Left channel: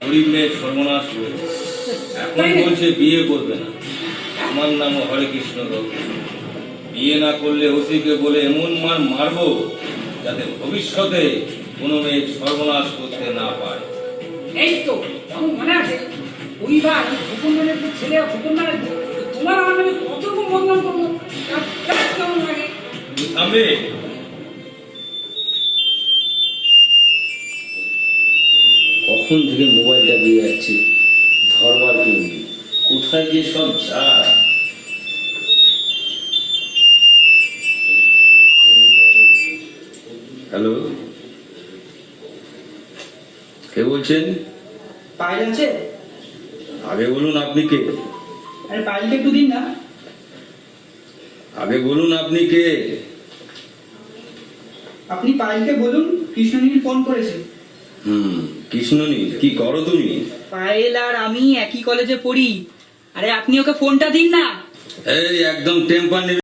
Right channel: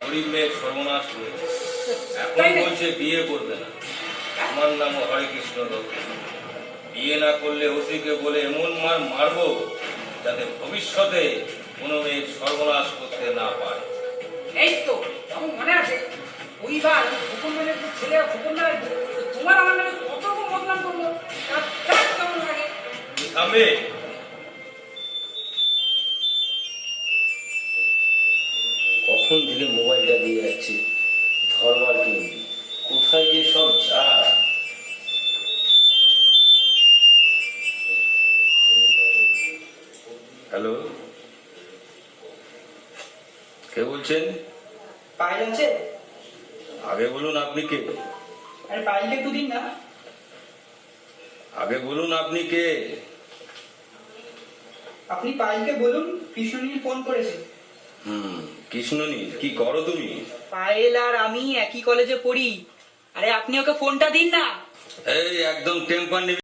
গরিব মেয়ের সর্বনাশ করেছে এখন বলছে বিয়ে করবে না। আমার নাম হরে কৃষ্ণ দত্ত। বিয়ে না করলে ওসিকে বলে এমন মার মারবো যাতে ভবিষ্যতে কোনো মেয়ে সর্বনাশ করতে না পায় এই তো আমার মনে আছে ওইবার হুকুম মেনে তো ছেলে হুকুম মেনে তোমার আমার কত বদনাম করল? তার কেমন লাগে? কখন থেকে মোবাইলটা দিয়ে যাচ্ছে। ধরবার কেউ নেই? কোথায় যে সব যা হ্যালো? কে বলছেন? পায়েল আছে? আগে বলুন আপনি কে? আরে পায়েলটা একটু দিন না। আগে বলুন আপনি কে? আপনি পায়েলকে বলুন কৃষ্ণনীল ফোন করেছে। হুম। কৃষ্ণনী কি করো তুমি? পায়েল আর আমি একই কলেজে পড়ি। আরে আপনি ওকে ফোনটা দিন না। এই একদম টেম্পার